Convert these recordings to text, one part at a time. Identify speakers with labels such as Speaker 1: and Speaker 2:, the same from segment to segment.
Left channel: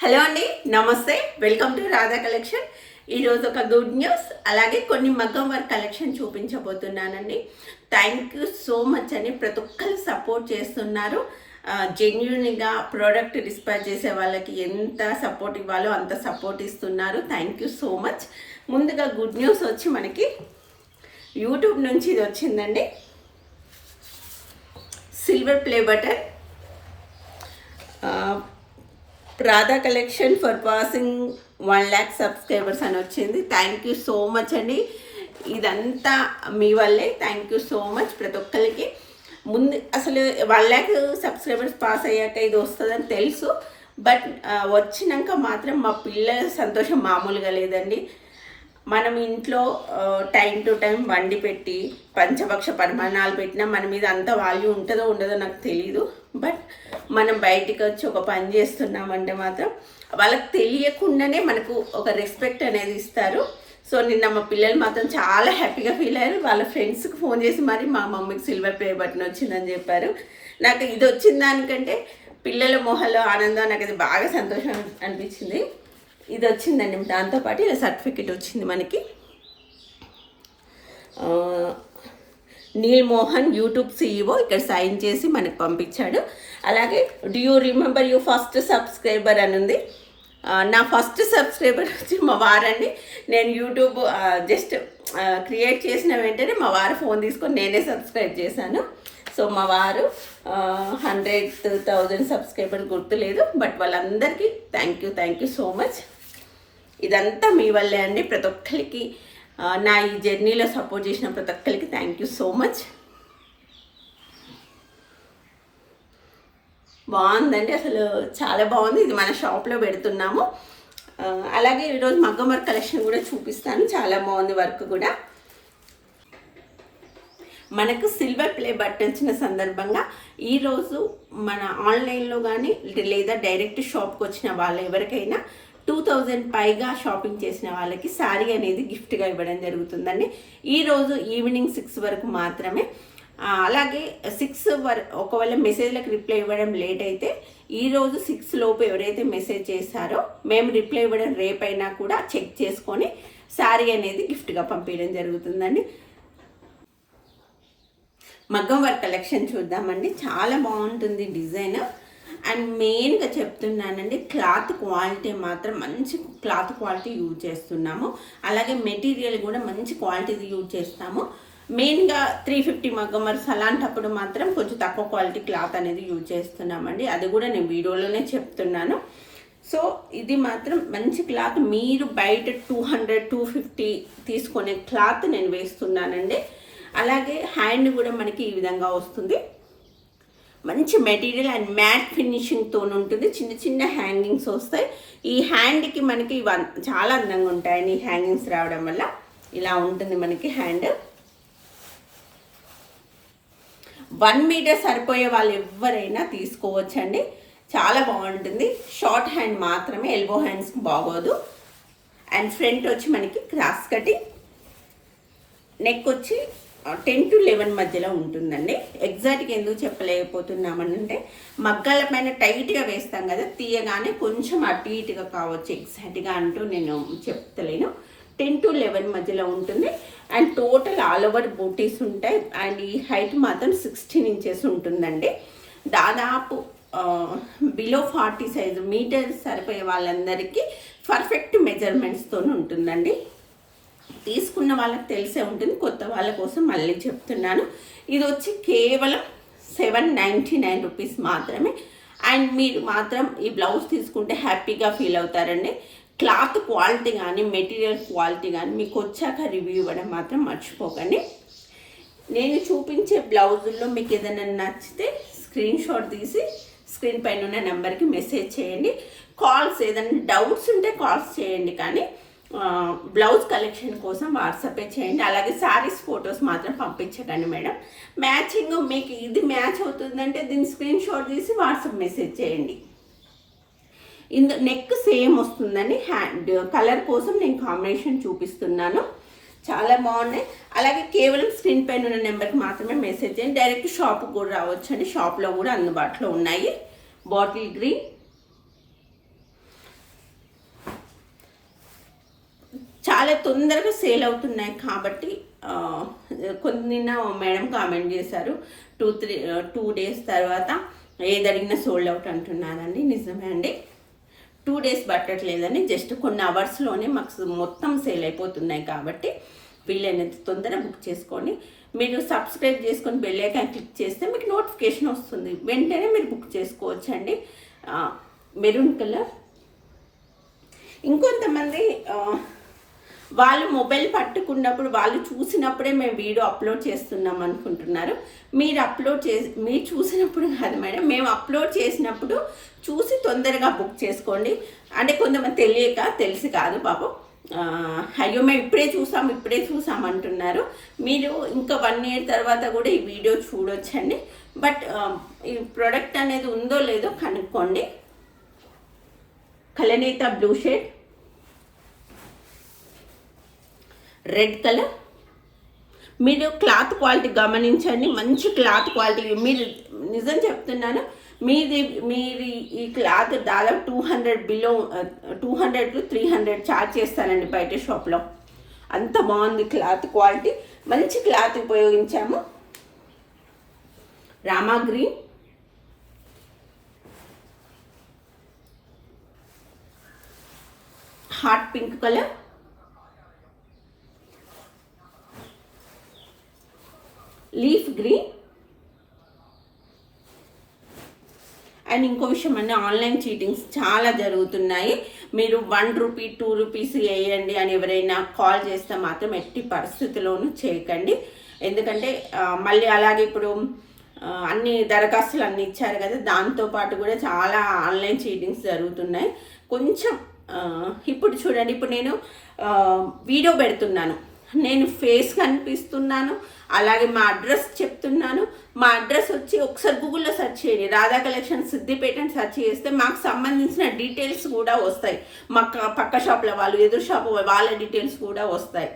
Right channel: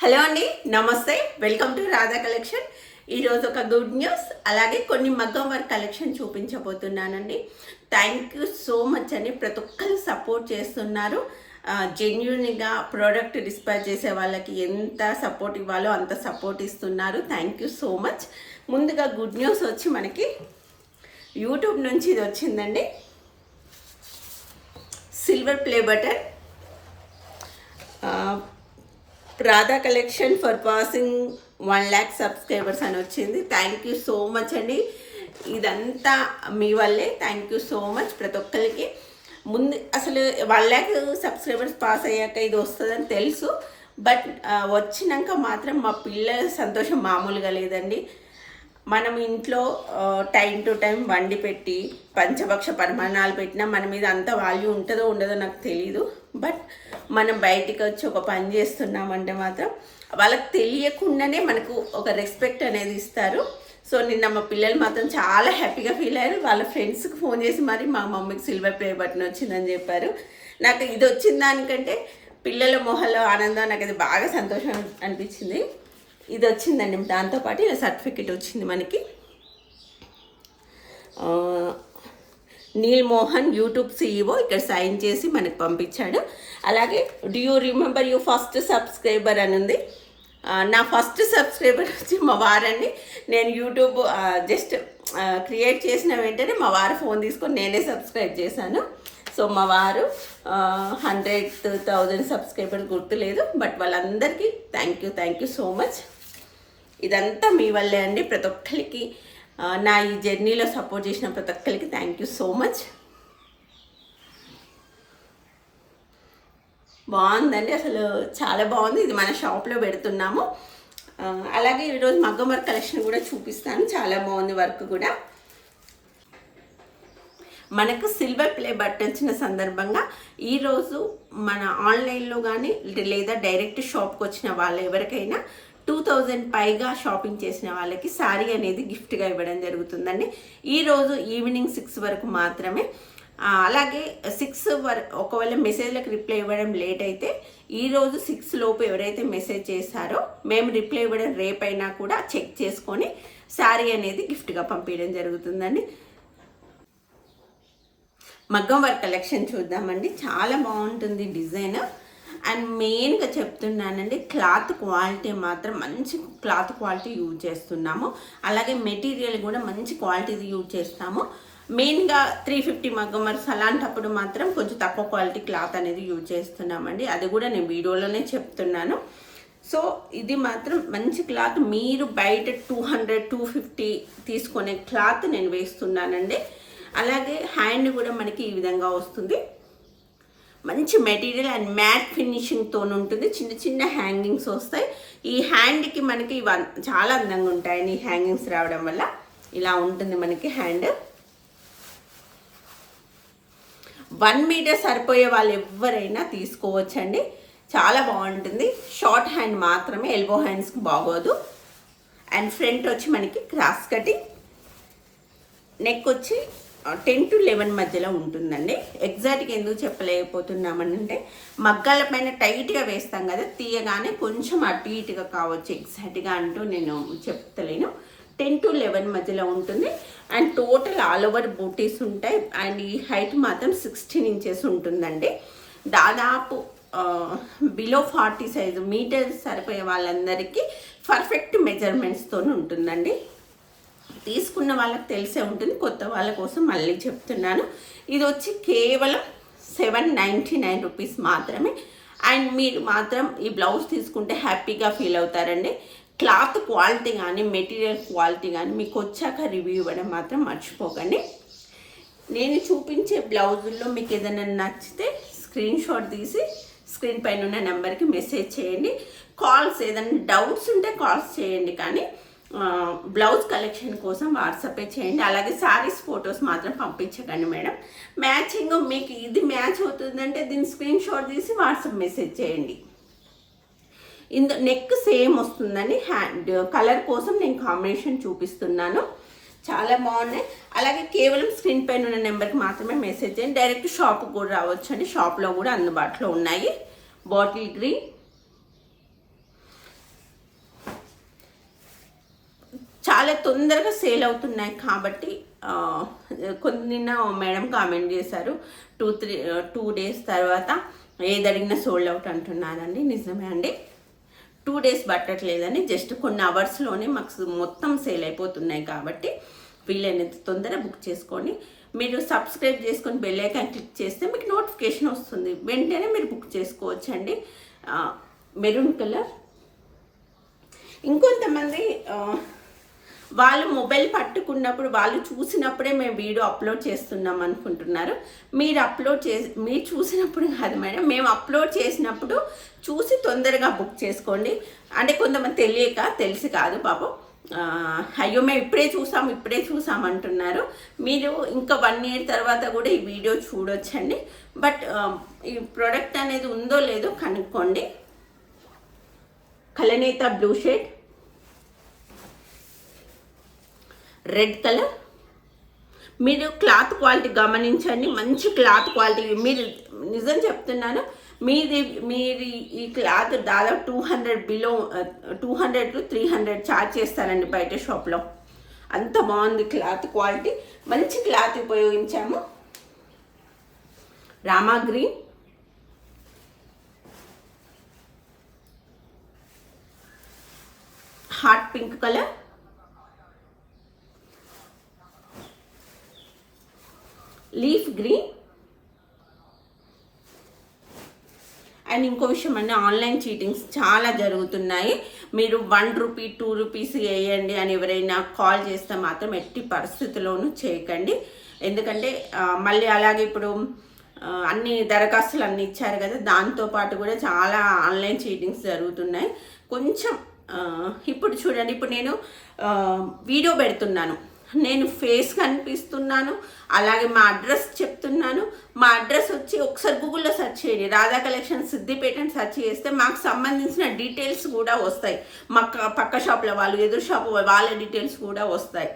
Speaker 1: Hello అండి నమస్తే. Welcome to Radha collection ఈరోజు ఒక గుడ్ న్యూస్ అలాగే కొన్ని మగ్గం వర్క్ కలెక్షన్ చూపించబోతున్నానండి. థ్యాంక్ యూ సో మచ్ అని ప్రతి ఒక్కరు సపోర్ట్ చేస్తున్నారు. జెన్యున్గా ప్రోడక్ట్ డిస్పాచ్ చేసే వాళ్ళకి ఎంత సపోర్ట్ ఇవ్వాలో అంత సపోర్ట్ ఇస్తున్నారు. థ్యాంక్ యూ సో మచ్ ముందుగా గుడ్ న్యూస్ వచ్చి మనకి యూట్యూబ్ నుంచి ఇది వచ్చిందండి. Silver play button Radha collection for passing one lakh subscribers అని వచ్చింది. థ్యాంక్ యూ సో మచ్ అండి. ఇదంతా మీ వల్లే. థ్యాంక్ యూ సో మచ్ ప్రతి ఒక్కరికి. ముందు అసలు వన్ ల్యాక్ సబ్స్క్రైబర్స్ పాస్ అయ్యాక ఇది వస్తుందని తెలుసు. బట్ వచ్చినాక మాత్రం మా పిల్లల సంతోషం మామూలుగా లేదండి. మనం ఇంట్లో టైం టు టైం వండి పెట్టి పంచపక్ష పరిమాణాలు పెట్టినా మన మీద అంత వాల్యూ ఉంటుందో ఉండదో నాకు తెలీదు. బట్ మనం బయటికి వచ్చి ఒక పని చేస్తున్నామంటే మాత్రం వాళ్ళకి తెలియకుండానే మనకు ఒక రెస్పెక్ట్ అనేది ఇస్తారు. సో నిన్న మా పిల్లలు మాత్రం చాలా హ్యాపీగా ఫీల్ అయ్యారు. వాళ్ళ ఫ్రెండ్స్కి ఫోన్ చేసి మరి మా మమ్మీకి సిల్వర్ ప్లే బటన్ వచ్చిందని చెప్పారు. నాకు ఇది వచ్చిన దానికంటే పిల్లల మొహంలో ఆనందం నాకు ఇది బాగా సంతోషం అనిపించింది. ఇది వచ్చిందండి. దాంతోపాటు ఇలా సర్టిఫికెట్ వచ్చింది మనకి. నీల్ మోహన్ యూట్యూబ్ సీఈఓ ఇక్కడ సైన్ చేసి మనకు పంపించాడు. అలాగే do you remember you first subscriber అని ఉంది. నా ఫస్ట్ సబ్స్క్రైబర్ వచ్చి మా వారండి. నేను యూట్యూబ్ జస్ట్ క్రియేట్ చేసిన వెంటనే మా వారు ఫోన్ తీసుకొని నేనే సబ్స్క్రైబ్ చేశాను. సో మా వారు హండ్రెడ్ థౌజండ్ సబ్స్క్రైబర్ గుర్తులేదు. బట్ వాళ్ళందరికీ thank you thank you so much ఇదంతా మీ వల్లే అండి. ప్రతి ఒక్కరికి నా ఈ జర్నీలో సపోర్ట్ చేసిన ప్రతి ఒక్కరికి థ్యాంక్ యూ సో మచ్ బాగుందండి అసలు చాలా బాగుంది. ఇది మన షాప్లో పెడుతున్నాము. అలాగే ఈరోజు మగ్గం వర్క్ కలెక్షన్ కూడా చూపిస్తాను. చాలా బాగుంది వర్క్ కూడా. మనకు సిల్వర్ ప్లే బటన్ వచ్చిన సందర్భంగా ఈరోజు మన ఆన్లైన్లో కానీ లేదా డైరెక్ట్ షాప్కి వచ్చిన వాళ్ళు ఎవరికైనా టూ థౌజండ్ పైగా షాపింగ్ చేసిన వాళ్ళకి శారీ అనేది గిఫ్ట్గా ఇవ్వడం జరుగుతుందండి. ఈరోజు ఈవినింగ్ సిక్స్ వరకు మాత్రమే. అలాగే సిక్స్ వర్ ఒకవేళ మెసేజ్లకు రిప్లై ఇవ్వడం లేట్ అయితే ఈరోజు సిక్స్ లోపు ఎవరైతే మెసేజ్ చేశారో మేము రిప్లై ఇవ్వడం రేపైనా కూడా చెక్ చేసుకొని శారీ అనేది గిఫ్ట్గా పంపించడం జరుగుతుందండి. మగ్గం వర్క్ కలెక్షన్ చూద్దామండి. చాలా బాగుంటుంది డిజైన్. అండ్ మెయిన్గా చెప్తున్నానండి క్లాత్ క్వాలిటీ మాత్రం మంచి క్లాత్ క్వాలిటీ యూజ్ చేస్తున్నాము. అలాగే మెటీరియల్ కూడా మంచి క్వాలిటీది యూజ్ చేస్తాము. మెయిన్గా త్రీ ఫిఫ్టీ మగ్గమర్స్ అలాంటప్పుడు మాత్రం కొంచెం తక్కువ క్వాలిటీ క్లాత్ అనేది యూజ్ చేస్తున్నామండి. అది కూడా నేను వీడియోలోనే చెప్తున్నాను. సో ఇది మాత్రం మంచి క్లాత్ మీరు బయట టూ హండ్రెడ్ టూ ఫిఫ్టీ తీసుకునే క్లాత్ నేను వేస్తున్నానండి. అలాగే హ్యాండ్ కూడా మనకి ఈ విధంగా వస్తుంది. మంచి మెటీరియల్ అండ్ మ్యాట్ ఫినిషింగ్తో ఉంటుంది. చిన్న చిన్న హ్యాంగింగ్స్ వస్తాయి. ఈ హ్యాండ్కి మనకి ఇవన్ చాలా అందంగా ఉంటాయండి ఈ హ్యాంగింగ్స్ రావడం వల్ల ఇలా ఉంటుంది మనకి హ్యాండ్ వన్ మీటర్ సరిపోయే వాళ్ళు ఎవరైనా తీసుకోవచ్చండి. చాలా బాగుంటుంది. షార్ట్ హ్యాండ్ మాత్రమే ఎల్బో హ్యాండ్స్కి బాగోదు. అండ్ ఫ్రంట్ వచ్చి మనకి క్రాస్ కటింగ్. నెక్ వచ్చి టెన్ టు లెవెన్ మధ్యలో ఉంటుందండి. ఎగ్జాక్ట్గా ఎందుకు చెప్పలేకపోతున్నామనంటే మగ్గాల పైన టైట్గా వేస్తాం కదా తీయగానే కొంచెం అటు ఇటుగా కావచ్చు. ఎగ్జాక్ట్గా అంటూ నేను చెప్తలేను టెన్ టు లెవెన్ మధ్యలో ఉంటుంది. అండ్ టోటల్ ఆల్ ఓవర్ బూటీస్ ఉంటాయి. అండ్ ఈ హైట్ మాత్రం సిక్స్టీన్ ఇంచెస్ ఉంటుందండి. దాదాపు బిలో ఫార్టీ సైజు మీటర్ సరిపోయే వాళ్ళందరికీ పర్ఫెక్ట్ మెజర్మెంట్స్తో ఉంటుందండి. తీసుకున్న వాళ్ళకి తెలిసే ఉంటుంది. కొత్త వాళ్ళ కోసం మళ్ళీ చెప్తున్నాను. ఇది వచ్చి కేవలం సెవెన్ నైంటీ నైన్ రూపీస్ మాత్రమే. అండ్ మీరు మాత్రం ఈ బ్లౌజ్ తీసుకుంటే హ్యాపీగా ఫీల్ అవుతారండి. క్లాత్ క్వాలిటీ కానీ మెటీరియల్ క్వాలిటీ కానీ మీకు వచ్చాక రివ్యూ ఇవ్వడం మాత్రం మర్చిపోకండి. నేను చూపించే బ్లౌజుల్లో మీకు ఏదైనా నచ్చితే స్క్రీన్ షాట్ తీసి స్క్రీన్ పైన ఉన్న నెంబర్కి మెసేజ్ చేయండి. కాల్స్ ఏదైనా డౌట్స్ ఉంటే కాల్స్ చేయండి కానీ బ్లౌజ్ కలెక్షన్ కోసం వాట్సాపే చేయండి. అలాగే శారీస్ ఫొటోస్ మాత్రం పంపించకండి మేడం. మ్యాచింగ్ మీకు ఇది మ్యాచ్ అవుతుందంటే దీన్ని స్క్రీన్ షాట్ తీసి వాట్సాప్ మెసేజ్ చేయండి. ఇందు నెక్ సేమ్ వస్తుందని హ్యాండ్ కలర్ కోసం నేను కాంబినేషన్ చూపిస్తున్నాను. చాలా బాగున్నాయి. అలాగే కేవలం స్క్రీన్ పైన ఉన్న నెంబర్కి మాత్రమే మెసేజ్ చేయండి. డైరెక్ట్ షాప్కి కూడా రావచ్చు అండి షాప్లో కూడా అందుబాటులో ఉన్నాయి. బాటిల్ గ్రీన్ చాలా తొందరగా సేల్ అవుతున్నాయి కాబట్టి ఆ, కొన్ని మేడం కామెంట్ చేశారు టూ త్రీ టూ డేస్ తర్వాత ఏదడిగినా సోల్డ్ అవుట్ అంటున్నారండి నిజమే అండి. టూ డేస్ పట్టట్లేదని జస్ట్ కొన్ని అవర్స్లోనే మాకు మొత్తం సేల్ అయిపోతున్నాయి కాబట్టి వీలైనంత తొందర బుక్ చేసుకోండి. మీరు సబ్స్క్రైబ్ చేసుకొని బెల్ ఐకాన్ క్లిక్ చేస్తే మీకు నోటిఫికేషన్ వస్తుంది. వెంటనే మీరు బుక్ చేసుకోవచ్చు అండి మెరూన్ కలర్. ఇంకొంతమంది వాళ్ళు మొబైల్ పట్టుకున్నప్పుడు వాళ్ళు చూసినప్పుడే మేము వీడియో అప్లోడ్ చేస్తున్నాం అనుకుంటున్నారు. మీరు అప్లోడ్ చేసి మీరు చూసినప్పుడు కాదు మేడం మేము అప్లోడ్ చేసినప్పుడు చూసి తొందరగా బుక్ చేసుకోండి. అంటే కొంతమంది తెలియక తెలిసి కాదు పాపం. అయ్యో మేము ఇప్పుడే చూసాం ఇప్పుడే చూసాం అంటున్నారు. మీరు ఇంకా వన్ ఇయర్ తర్వాత కూడా ఈ వీడియో చూడొచ్చండి. బట్ ఈ ప్రోడక్ట్ అనేది ఉందో లేదో కనుక్కోండి. కలనేత బ్లూ షేడ్ రెడ్ కలర్ మీరు క్లాత్ క్వాలిటీ గమనించండి మంచి క్లాత్ క్వాలిటీ మీరు నిజం చెప్తున్నాను మీది మీరు ఈ క్లాత్ దాదాపు two hundred below two hundred to three hundred charge చేస్తానండి బయట షాప్లో అంత బాగుంది క్లాత్ క్వాలిటీ మంచి క్లాత్ ఉపయోగించాము. Rama green hot pink colour leaf green and ఇంకో విషయం అండి ఆన్లైన్ చీటింగ్స్ చాలా జరుగుతున్నాయి. మీరు వన్ రూపీ టూ రూపీస్ వేయండి అని ఎవరైనా కాల్ చేస్తే మాత్రం ఎట్టి పరిస్థితిలోనూ చేయకండి. ఎందుకంటే మళ్ళీ అలాగే ఇప్పుడు అన్ని దరఖాస్తులు అన్ని ఇచ్చారు కదా దాంతో పాటు కూడా చాలా ఆన్లైన్ చీటింగ్స్ జరుగుతున్నాయి. కొంచెం ఇప్పుడు చూడండి ఇప్పుడు నేను వీడియో పెడుతున్నాను. నేను ఫేస్ కనిపిస్తున్నాను. అలాగే మా అడ్రస్ చెప్తున్నాను. మా అడ్రస్ వచ్చి ఒకసారి గూగుల్లో సెర్చ్ చేయండి. రాధా కలెక్షన్ సిద్దిపేట అని సెర్చ్ చేస్తే మాకు సంబంధించిన డీటెయిల్స్ కూడా వస్తాయి. మా పక్క షాప్ల వాళ్ళు ఎదురు షాప్ వాళ్ళ డీటెయిల్స్ కూడా వస్తాయి.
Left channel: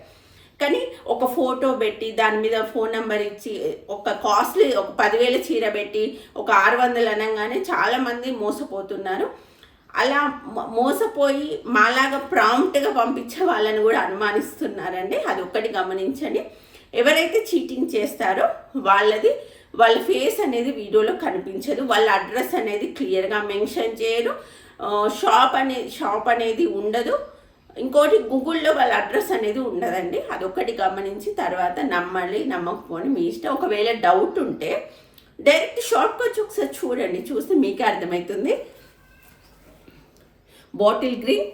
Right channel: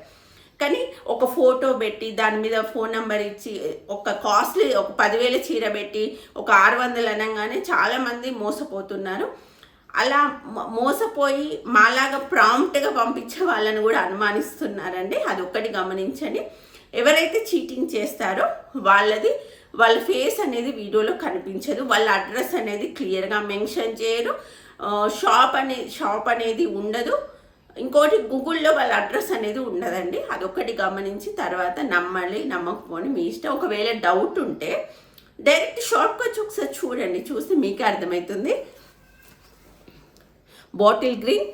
Speaker 1: కానీ ఒక ఫోటో పెట్టి దాని మీద ఫోన్ నెంబర్ ఇచ్చి ఒక కాస్ట్లీ ఒక పదివేల చీర పెట్టి ఒక ఆరు వందలు అనగానే చాలామంది మోసపోతున్నారు. అలా మోసపోయి మాలాగా ప్రాంప్ట్గా పంపించే వాళ్ళని కూడా అనుమానిస్తున్నారండి. అది ఒక్కటి గమనించండి. ఎవరైతే చీటింగ్ చేస్తారో వాళ్ళది వాళ్ళ ఫేస్ అనేది వీడియోలో కనిపించదు. వాళ్ళ అడ్రస్ అనేది క్లియర్గా మెన్షన్ చేయరు. షాప్ అనే షాప్ అనేది ఉండదు. ఇంకోటి గూగుల్లో వాళ్ళ అడ్రస్ అనేది ఉండదండి. అదొకటి గమనించి తర్వాత నమ్మాలి నమ్మకపోని మీ ఇష్టం. ఒకవేళ డౌట్ ఉంటే డైరెక్ట్ షాప్కి వచ్చి ఒకసారి చూడండి. చూస్తే మీకే అర్థమవుతుంది. Bottle green.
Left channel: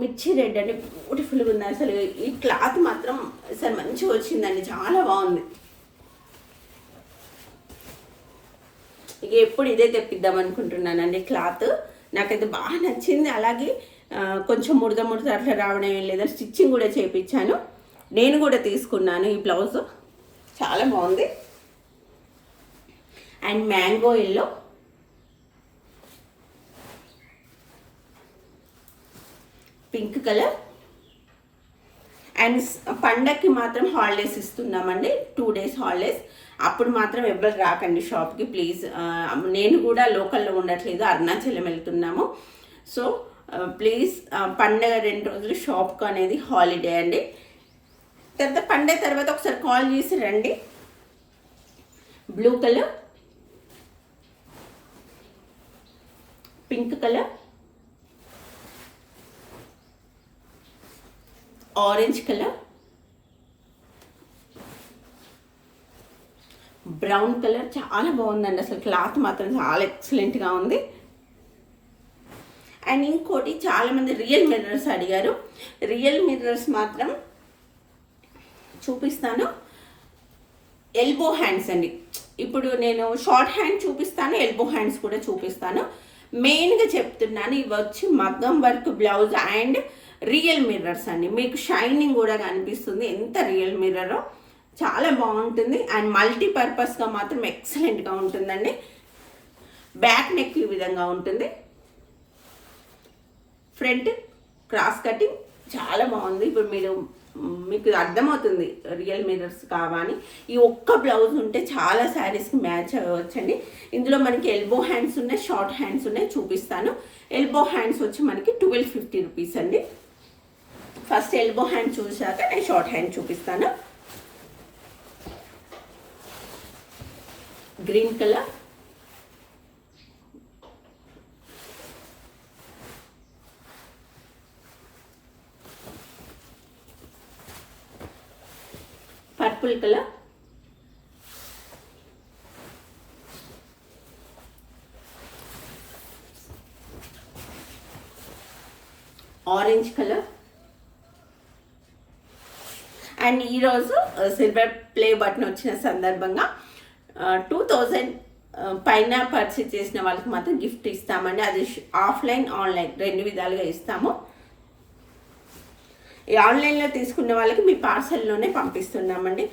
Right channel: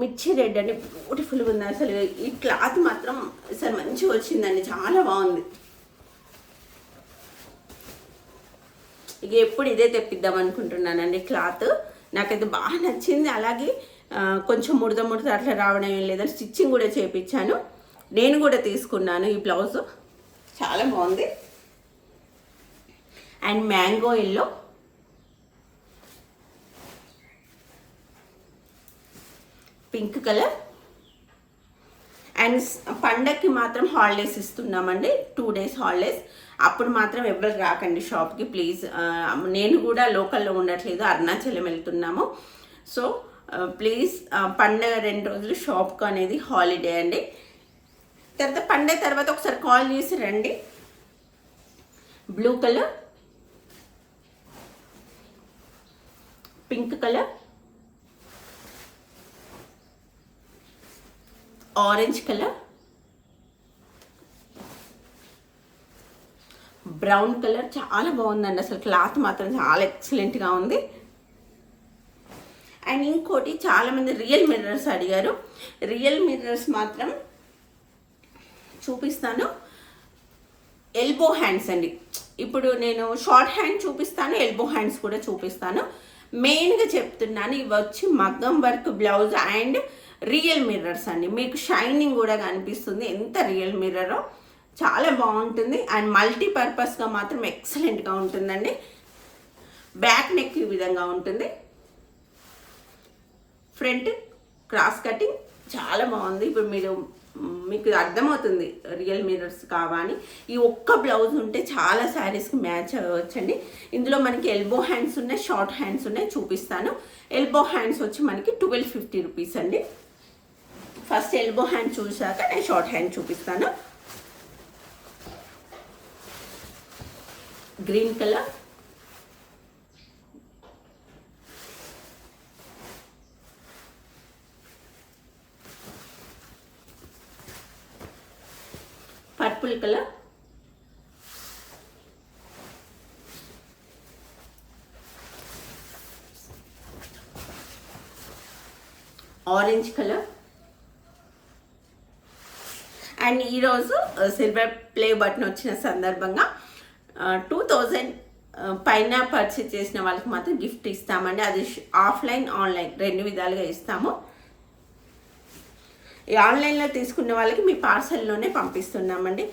Speaker 1: మిర్చి రెడ్ అండి బ్యూటిఫుల్గా ఉంది అసలు. ఈ క్లాత్ మాత్రం అసలు మంచిగా వచ్చిందండి. చాలా బాగుంది. ఇక ఎప్పుడు ఇదే తెప్పిద్దాం అనుకుంటున్నానండి క్లాత్. నాకైతే బాగా నచ్చింది. అలాగే కొంచెం ముడత ముడత అట్లా రావడం ఏం లేదని స్టిచ్చింగ్ కూడా చేపించాను నేను కూడా తీసుకున్నాను ఈ బ్లౌజ్. చాలా బాగుంది. And mango yellow. Pink colour. And పండక్కి మాత్రం హాలిడేస్ ఇస్తున్నామండి. Two days holidays. అప్పుడు మాత్రం ఎవరు రాకండి షాప్కి ప్లీజ్. నేను కూడా లోకల్లో ఉండట్లేదు. అరుణాచలం వెళ్తున్నాము. సో ప్లీజ్ పండగ రెండు రోజులు షాప్కి అనేది హాలిడే అండి. తర్వాత పండగ తర్వాత ఒకసారి కాల్ చేసి రండి. Blue colour. Pink colour. Orange colour brown colour. చాలా బాగుందండి. అసలు క్లాత్ మాత్రం చాలా ఎక్సలెంట్గా ఉంది. అండ్ ఇంకోటి చాలా మంది రియల్ మిర్రర్స్ అడిగారు. రియల్ మిర్రర్స్ మాత్రం చూపిస్తాను. ఎల్బో హ్యాండ్స్ అండి. ఇప్పుడు నేను షార్ట్ హ్యాండ్ చూపిస్తాను ఎల్బో హ్యాండ్స్ కూడా చూపిస్తాను. మెయిన్గా చెప్తున్నాను ఇవి వచ్చి మగ్గం work blouse and real mirrors అండి. మీకు షైనింగ్ కూడా కనిపిస్తుంది. ఎంత రియల్ మిర్రరో. చాలా బాగుంటుంది. అండ్ మల్టీపర్పస్గా మాత్రం ఎక్సలెంట్గా ఉంటుందండి. బ్యాక్ నెక్ ఈ విధంగా ఉంటుంది. ఫ్రంట్ క్రాస్ కటింగ్ చాలా బాగుంది. ఇప్పుడు మీరు మీకు అర్థమవుతుంది రియల్ మిర్రర్స్ కావాలి ఈ ఒక్క బ్లౌజ్ ఉంటే చాలా శారీస్కి మ్యాచ్ అవ్వచ్చండి. ఇందులో మనకి ఎల్బో హ్యాండ్స్ ఉన్నాయి షార్ట్ హ్యాండ్స్ ఉన్నాయి చూపిస్తాను. ఎల్బో హ్యాండ్స్ వచ్చి మనకి ట్వెల్వ్ ఫిఫ్టీ రూపీస్ అండి. ఫస్ట్ ఎల్బో హ్యాండ్ చూసాక నేను షార్ట్ హ్యాండ్ చూపిస్తాను. Green colour purple colour orange colour and ఈరోజు సిల్వర్ ప్లే బటన్ వచ్చిన సందర్భంగా టూ థౌజండ్ పైన పర్చేస్ చేసిన వాళ్ళకి మాత్రం గిఫ్ట్ ఇస్తామండి. అది ఆఫ్లైన్ ఆన్లైన్ రెండు విధాలుగా ఇస్తాము. ఈ ఆన్లైన్లో తీసుకున్న వాళ్ళకి మీ పార్సల్లోనే పంపిస్తున్నామండి.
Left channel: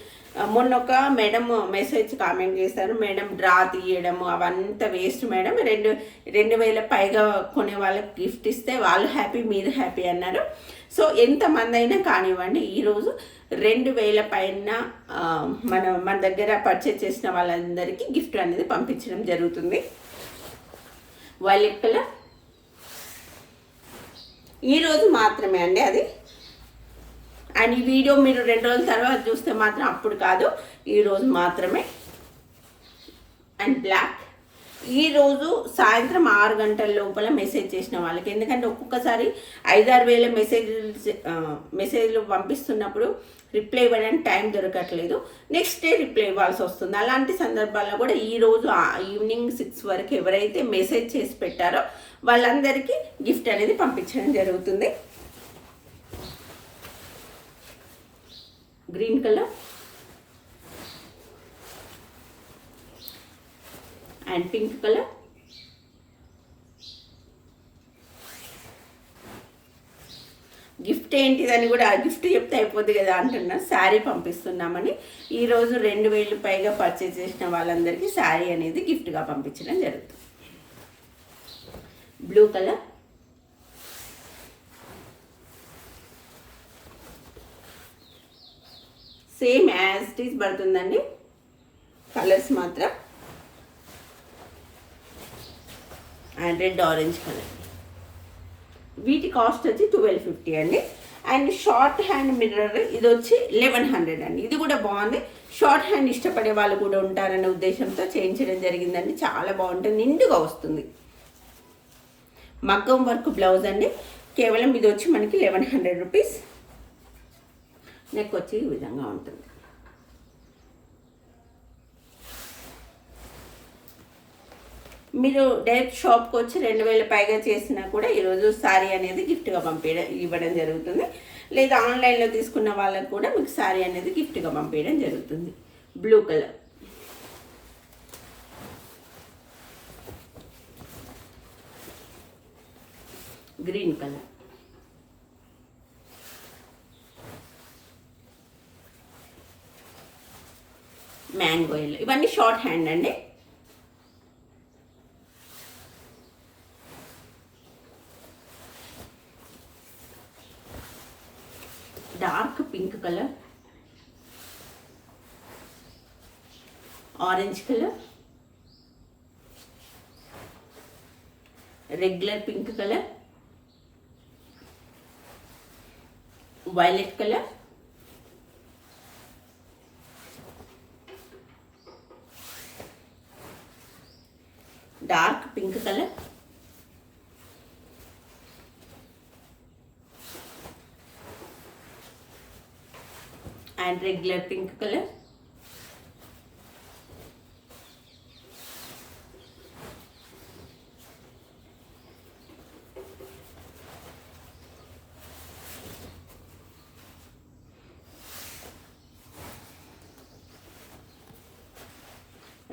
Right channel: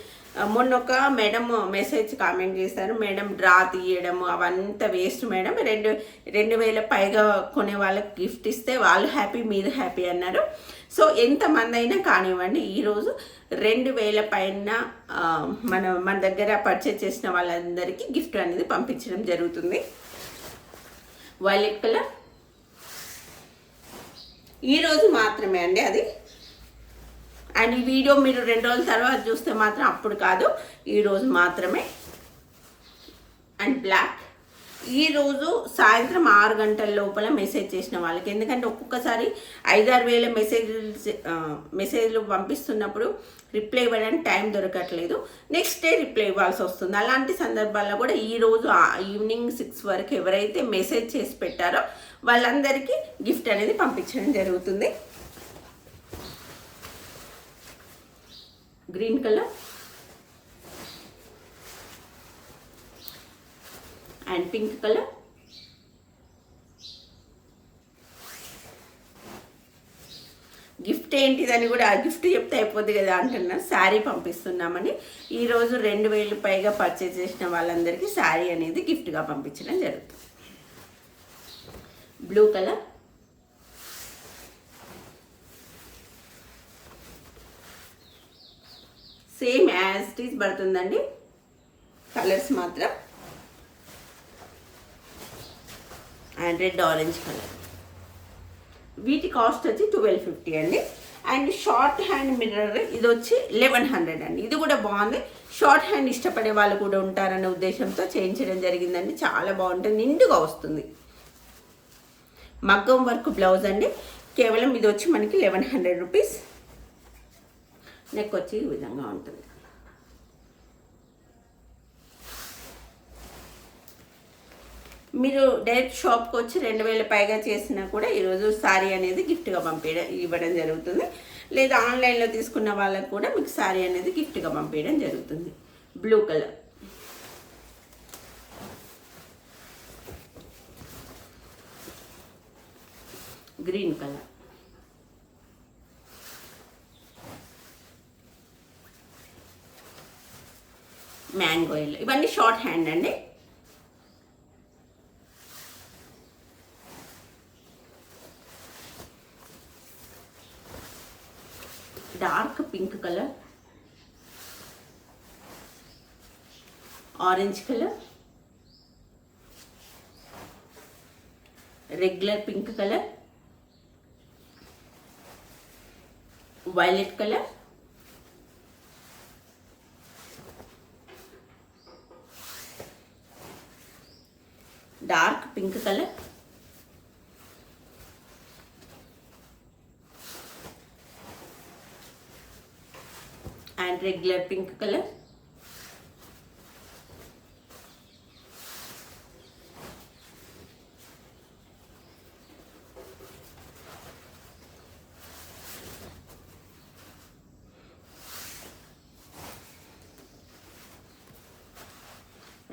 Speaker 1: మొన్న ఒక మేడం మెసేజ్ కామెంట్ చేశారు. మేడం డ్రా తీయడం అవంతా వేస్ట్ మేడం. రెండు రెండు వేల పైగా కొనే వాళ్ళకి గిఫ్ట్ ఇస్తే వాళ్ళు హ్యాపీ మీరు హ్యాపీ అన్నారు. సో ఎంతమంది అయినా కానివ్వండి ఈరోజు రెండు వేల పైన మన మన దగ్గర పర్చేజ్ చేసిన వాళ్ళందరికీ గిఫ్ట్ అనేది పంపించడం జరుగుతుంది. వైలెట్ కలర్ ఈరోజు మాత్రమే అండి అది. అండ్ ఈ వీడియో మీరు రెండు రోజుల తర్వాత చూస్తే మాత్రం అప్పుడు కాదు. ఈరోజు మాత్రమే. And black. ఈరోజు సాయంత్రం ఆరు గంటల లోపల మెసేజ్ చేసిన వాళ్ళకి. ఎందుకంటే ఒక్కొక్కసారి ఐదారు వేల మెసేజ్ మెసేజ్లు పంపిస్తున్నప్పుడు రిప్లై ఇవ్వడానికి టైం దొరకట్లేదు. నెక్స్ట్ డే రిప్లై ఇవ్వాల్సి వస్తుంది. అలాంటి సందర్భాల్లో కూడా ఈ రోజు ఈవినింగ్ సిక్స్ వరకు ఎవరైతే మెసేజ్ చేసి పెట్టారో వాళ్ళందరికీ గిఫ్ట్ అనేది పంపించడం జరుగుతుంది. Green colour. And pink colour. Gift ఏంటిదని కూడా గిఫ్ట్ చెప్తే అయిపోద్ది కదా అంటున్నా. శారీ పంపిస్తున్నామని. ఈరోజు రెండు వేలు పైగా పర్చేజ్ చేసిన వాళ్ళందరికీ శారీ అనేది గిఫ్ట్గా పంపించడం జరుగుతుంది. Blue colour. Same as it is పడుతుందండి. కలర్స్ మాత్రం. And red orange colour. వీటి కాస్ట్ వచ్చి ట్వెల్వ్ ఫిఫ్టీ అండి. అండ్ షార్ట్ హ్యాండ్ మిర్రర్ ఇది వచ్చి లెవెన్ హండ్రెడ్ అండి. ఇది కూడా బాగుంది. షార్ట్ హ్యాండ్ ఇష్టపడే వాళ్ళు కూడా ఉంటారనే ఉద్దేశంతో చేయించడం జరిగిందండి. చాలా బాగుంటుంది. నిండుగా వస్తుంది. మగ్గం వర్క్ బ్లౌజ్ అండి. కేవలం ఇది వచ్చి మనకి లెవెన్ హండ్రెడ్ రూపీస్. నెక్ వచ్చి ఈ విధంగా ఉంటుంది. మీరు డైరెక్ట్ షాప్కి వచ్చి రెండు వేల పైగా చేసినా కూడా ఈరోజు శారీ అనేది గిఫ్ట్గా పంపించడం ఇవ్వడం జరుగుతుంది. లేదా ఆన్లైన్లో తీసుకున్న వాళ్ళకు కూడా మీకు శారీ అనేది గిఫ్ట్గా పంపించడం జరుగుతుంది. Blue colour. Green colour. Mango yellow ఇవన్నీ షార్ట్ హ్యాండ్ అండి dark pink colour orange colour regular pink colour violet colour dark pink colour and regular pink colour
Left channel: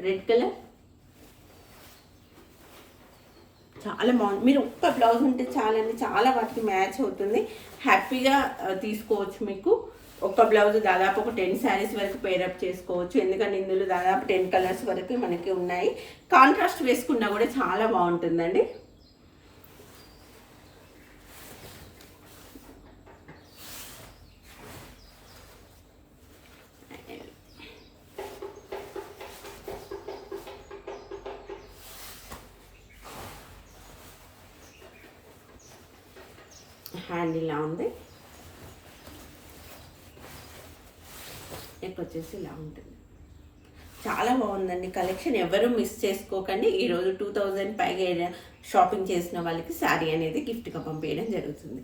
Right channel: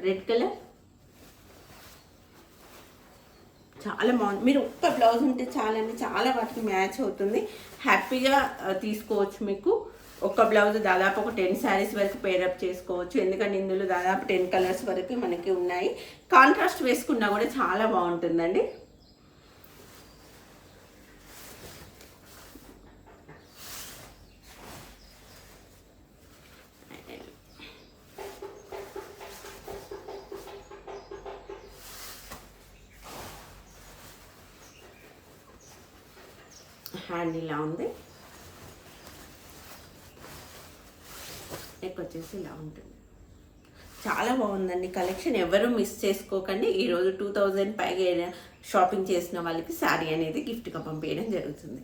Speaker 1: red colour చాలా బాగుంది. మీరు ఒక్క బ్లౌజ్ ఉంటే చాలండి. చాలా వాటికి మ్యాచ్ అవుతుంది. హ్యాపీగా తీసుకోవచ్చు మీకు. ఒక్క బ్లౌజ్ దాదాపు ఒక టెన్ శారీస్ వరకు పేరప్ చేసుకోవచ్చు. ఎందుకంటే ఇందులో దాదాపు టెన్ కలర్స్ వరకు మనకి ఉన్నాయి. కాంట్రాస్ట్ వేసుకున్నా కూడా చాలా బాగుంటుందండి. హ్యాండ్ ఇలా ఉంది. నెక్ వచ్చేసి ఇలా ఉంటుంది. చాలా బాగుందండి. కలెక్షన్ ఎవరు మిస్ చేసుకోకండి. ఈరోజు టూ థౌజండ్ పైగా షాపింగ్ చేసిన వాళ్ళకి శారీ అనేది గిఫ్ట్గా పంపించడం జరుగుతుంది.